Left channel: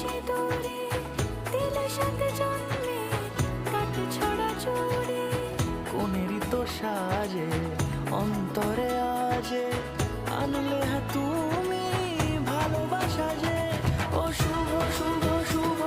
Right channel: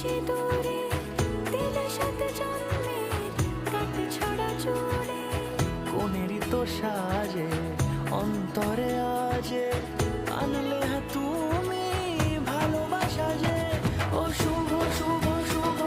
সিঁদুরে দিলে সাথে জন্মের কাট ছড়া জুড়ে। কোনেরই তো সাজে অন্তরে আজে আনলে তুমি ভালোবাসা যে। ও শুভ শুভ শুভ